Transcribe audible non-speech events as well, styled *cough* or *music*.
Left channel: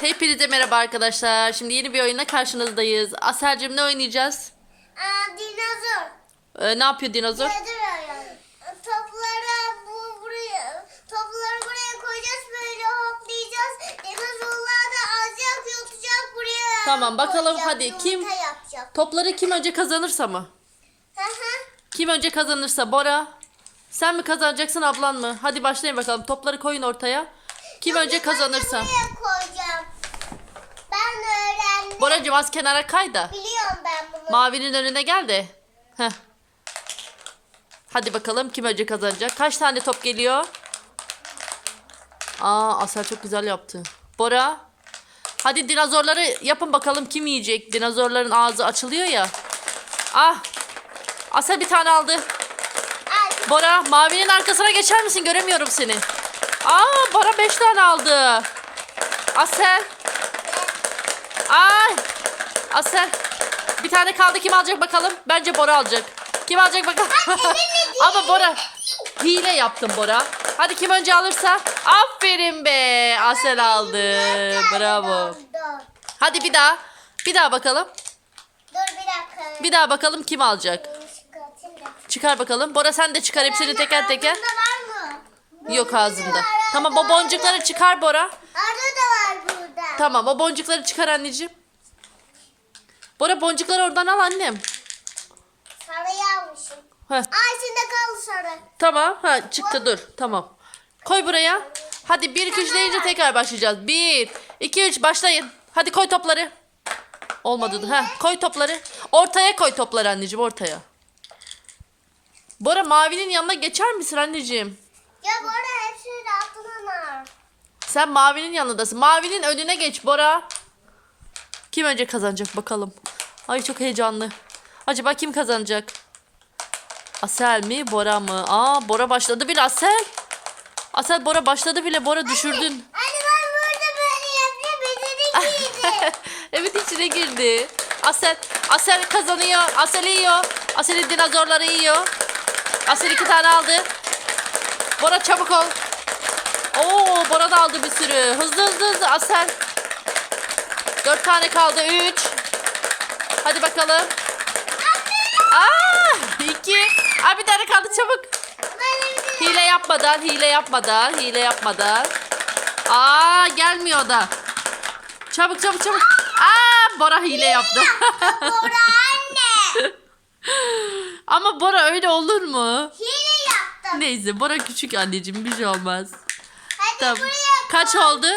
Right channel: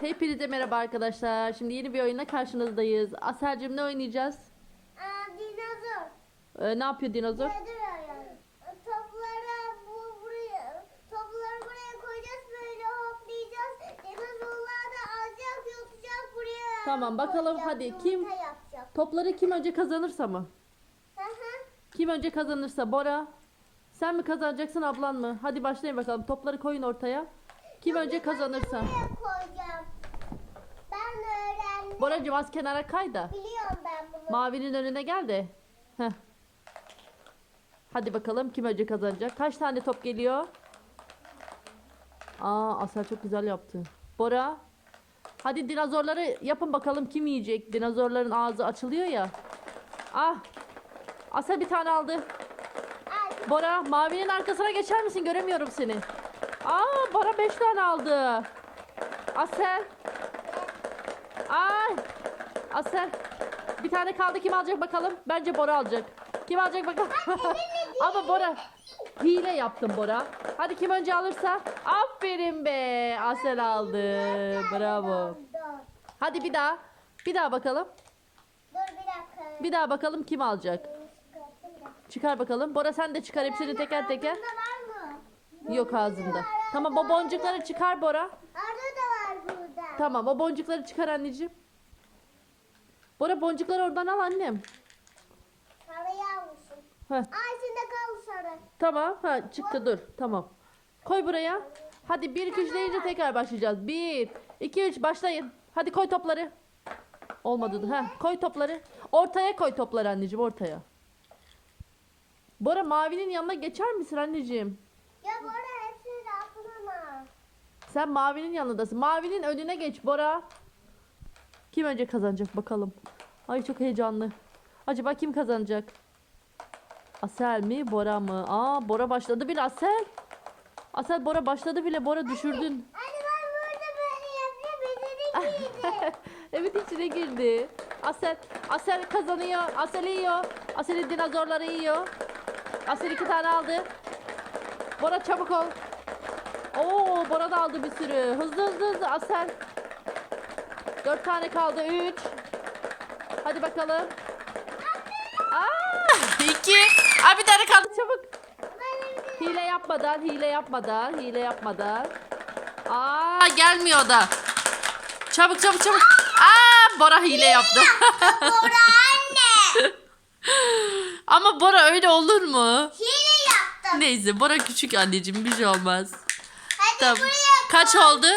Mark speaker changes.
Speaker 1: Hepinize merhaba arkadaşlar. Şimdi yeni bir oyunla karşınızdayız. Aselcim ne oynayacağız?
Speaker 2: Aa, dinozor.
Speaker 1: Ee, ne yapıyor dinozor?
Speaker 2: Topları bu buraya, topları buraya koyacağız böyle hoplayacağız. Dinozorlar da alacak yutacak buraya.
Speaker 1: Tamam, bakalım
Speaker 2: koyacak,
Speaker 1: hadi. Kim-
Speaker 2: yapacak.
Speaker 1: Topları kim önce kazanırsa mı?
Speaker 2: Hı hı.
Speaker 1: Kim önce kazanırsa Bora. Sen mi kazanacaksın ablan mı? Hadi başlayın bakalım. Topları koyun ortaya. Kim önce kazanırsa.
Speaker 2: Buraya koyacağım. Ben öğrendim.
Speaker 1: Boracığım az kenara kay da.
Speaker 2: Biliyorum ben bunu.
Speaker 1: Mavinin önüne gel de. Heh. Hadi bakalım kim önce kazanacak. Kaç tane top geliyor? Aa Asel çok güzel yaptı. Bora. Hadi dinozorları yapın bakalım kim yiyecek. Dinozorların ağzı açılıyor ya. Ah. Asel bir tane aldı. Bora mavinin arkasına geçer misin? Göremiyorum seni. Aa Bora 5 tane aldı. Asel. Asel. Bir tane kaldı kim alacak bakalım? Bence Bora alacak. Kim alacak bakalım? *laughs* Ama Bora hile yaptım Bora. Hadi kim önce alırsa? Aferin be. Asel aldı. Bravo. Hadi bir daha. Bir daha bakalım.
Speaker 2: Dur bir dakika.
Speaker 1: Bir daha bakalım kim alacak?
Speaker 2: Da.
Speaker 1: Çıkar bakalım. Bora sen de çıkar hepsini teker teker.
Speaker 2: Ağzında var mı?
Speaker 1: Yok ağzında. Tamam o boncukları çıkar Bora.
Speaker 2: Arada da var burada.
Speaker 1: Tamam o boncukları çıkar anneciğim. Bora boncukları oradan al annem.
Speaker 2: Sarıyı almışım.
Speaker 1: Heh,
Speaker 2: Aa içinde kaldı sarı.
Speaker 1: tamam. Ha çıktı dur. Tamam. Koy buraya. Hadi 1 2 3 deyince tekrar başlayacağız. 1 2 3 başlayın. Hadi koy topları. Olmadı. Ha koy topları. Ortaya koy topları anneciğim ortaya. Bora mavinin yanına geçer misin anneciğim?
Speaker 2: Ya arada hepsini de altına var.
Speaker 1: Sen mavinin yanındasın. Mavinin önüne geç Bora. Kim önce kazanacak bakalım. Ay çok heyecanlı. Acaba kim kazanacak? Asel mi Bora mı? Aa Bora başladı bile Asel. Asel Bora başladı bile. Bora düşürdün.
Speaker 2: Anne ben burada böyle yaptım. Beni giydi. *laughs*
Speaker 1: evet içine girdi. Asel, Asel kazanıyor. Asel yiyor. Asel'in dinozorları yiyor. Asel iki tane aldı. Bora çabuk ol. Oo Bora da aldı bir sürü. Hızlı hızlı hızlı Asel. Dört tane kaldı. Üç. Hadi bakalım. Aa, iki. Aa, bir tane kaldı çabuk. Hile yapmadan, hile yapmadan, hile yapmadan. Aa gelmiyor da. Çabuk çabuk çabuk. Aa Bora hile yaptı. *laughs*
Speaker 2: Bora anne.
Speaker 1: Ama Bora öyle olur mu?
Speaker 2: Hile yaptım.
Speaker 1: Neyse Bora küçük anneciğim bir şey olmaz.
Speaker 2: Hadi
Speaker 1: Tamam.
Speaker 2: buraya
Speaker 1: Kaç oldu?